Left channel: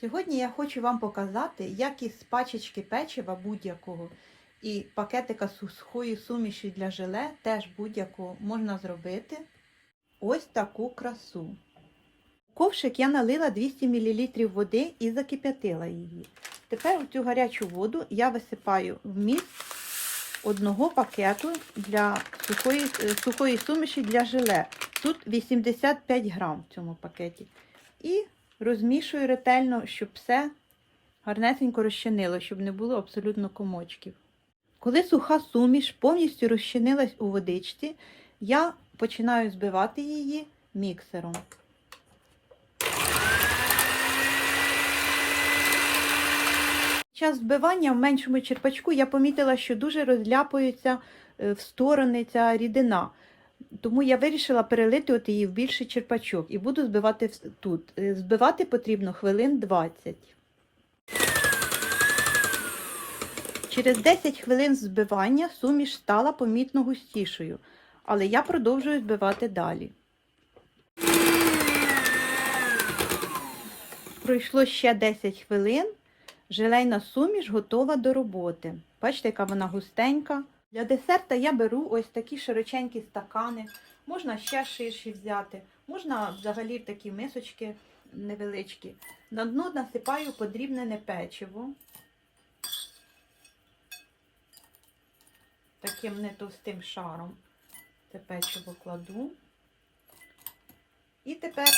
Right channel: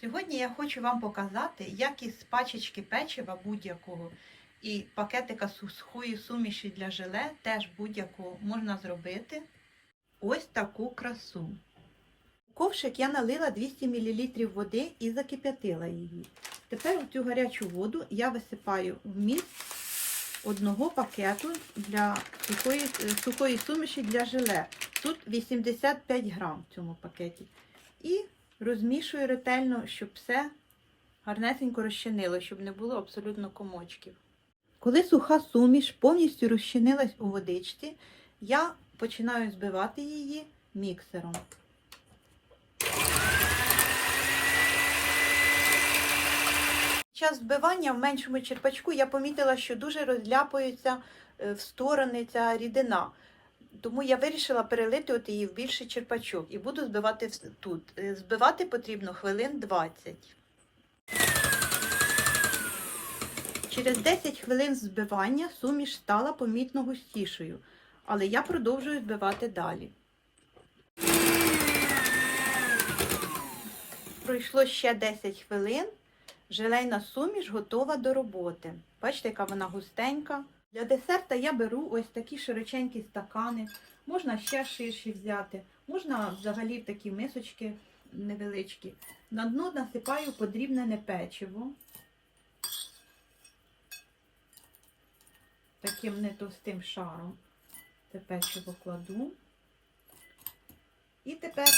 Сьогодні я хочу вам показати, як із пачечки печива будь-якого і пакетика сухої суміші для желе, теж будь-якого можна зробити ось таку красу. У ковшик я налила 200 мл води і закип'ятила її. Тепер у цю гарячу воду я висипаю вміст одного пакету для сухої, е, сухої суміші для желе. Тут 85 грам в цьому пакеті. І розмішую ретельно, щоб все гарнесенько розчинило, щоб не було абсолютно комочків. Коли суха суміш повністю розчинилась у водичці, я починаю збивати її міксером. Час збивання в меншому черпачку я помітила, що дуже розляпується е, в сторони ця рідина. Тому я вирішила перелити от її в більший черпачок і буду збивати тут. Е, Збивати потрібно хвилин 20. Через 10 хвилин збивання суміш стала помітно густішою, але я продовжую збивати далі. Пройшло ще 10 хвилин. Желейна суміш готова до роботи. Бачите, яка вона густенька. Для десерта я беру ось такі широченькі стакани. Можна ще ширші взяти, можна взагалі такі мисочки невеличкі. На дно насипаю подрібнене печиво. Таким не товстим шаром це печиво кладу. І тепер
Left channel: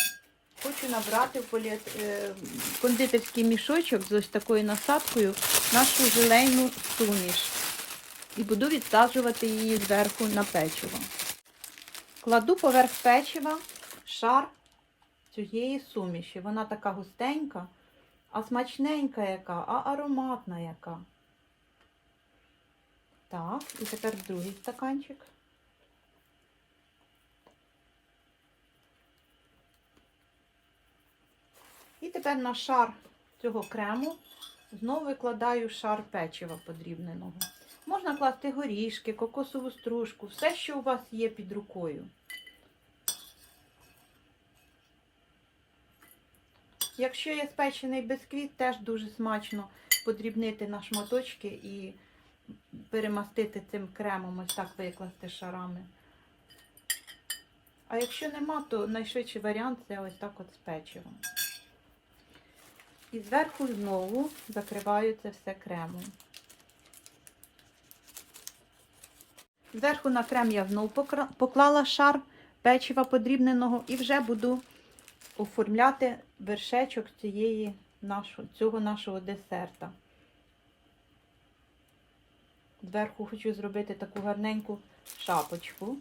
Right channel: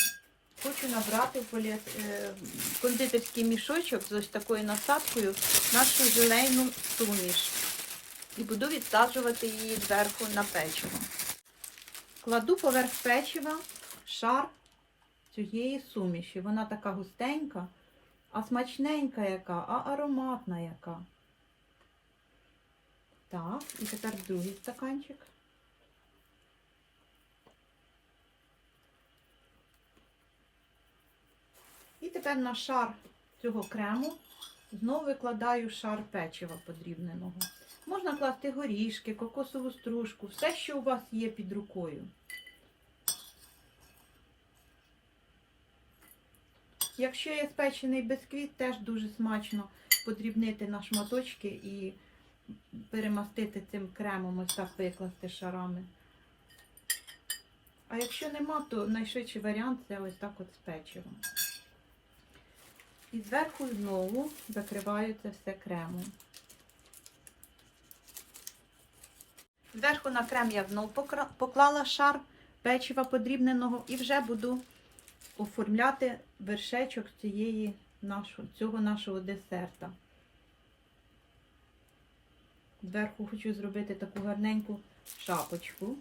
хочу набрати в полі... е, кондитерський мішочок з ось такою насадкою нашу желейну суміш. І буду відсаджувати її зверху на печиво. Кладу поверх печива шар цієї суміші. Вона така густенька, а смачненька яка, а ароматна яка. Так, і тепер другий стаканчик. І тепер на шар цього крему знову викладаю шар печива подрібненого. Можна класти горішки, кокосову стружку, все, що у вас є під рукою. Якщо є спечений бисквіт, теж дуже смачно подрібнити на шматочки і перемастити цим кремом, ось так викласти шарами. А якщо нема, то найшвидший варіант це ось так от з печивом. І зверху знову закриваю це все кремом. Зверху на крем я знову поклала шар печива подрібненого і вже буду оформляти вершечок цієї нашого, цього нашого десерта. Зверху хочу зробити таку гарненьку шапочку.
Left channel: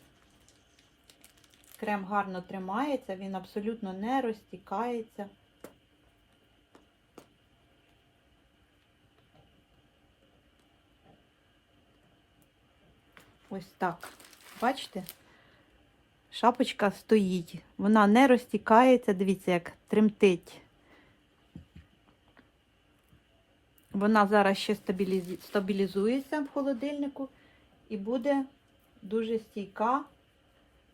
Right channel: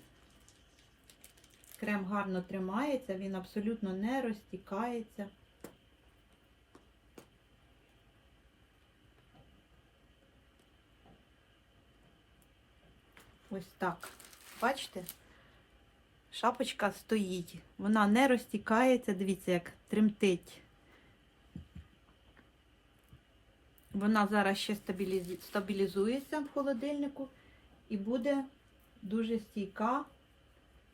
Крем гарно тримається, він абсолютно не розтікається. Ось так. Бачите? Шапочка стоїть. Вона не розтікається, дивіться, як тремтить. Вона зараз ще стабілізується в холодильнику і буде дуже стійка,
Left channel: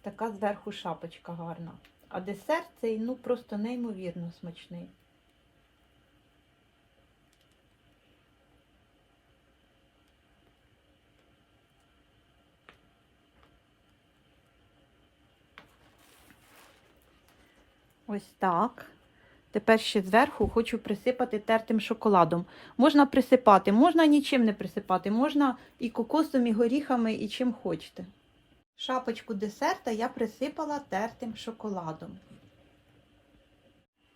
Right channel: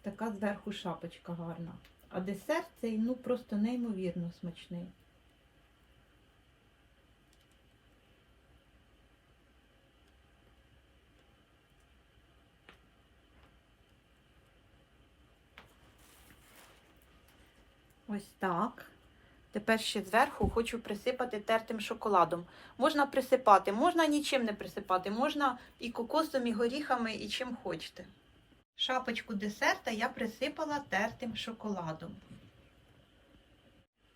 така зверху шапочка гарна. А десерт цей ну просто неймовірно смачний. Ось так. Тепер ще зверху хочу присипати тертим шоколадом. Можна присипати, можна нічим не присипати, можна і кокосом, і горіхами, і чим хочете. Шапочку десерта я присипала тертим шоколадом.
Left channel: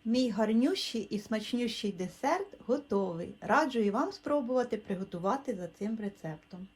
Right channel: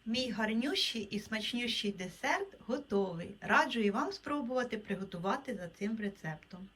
Мій гарнющий і смачнющий десерт готовий. Раджу і вам спробувати приготувати за цим рецептом.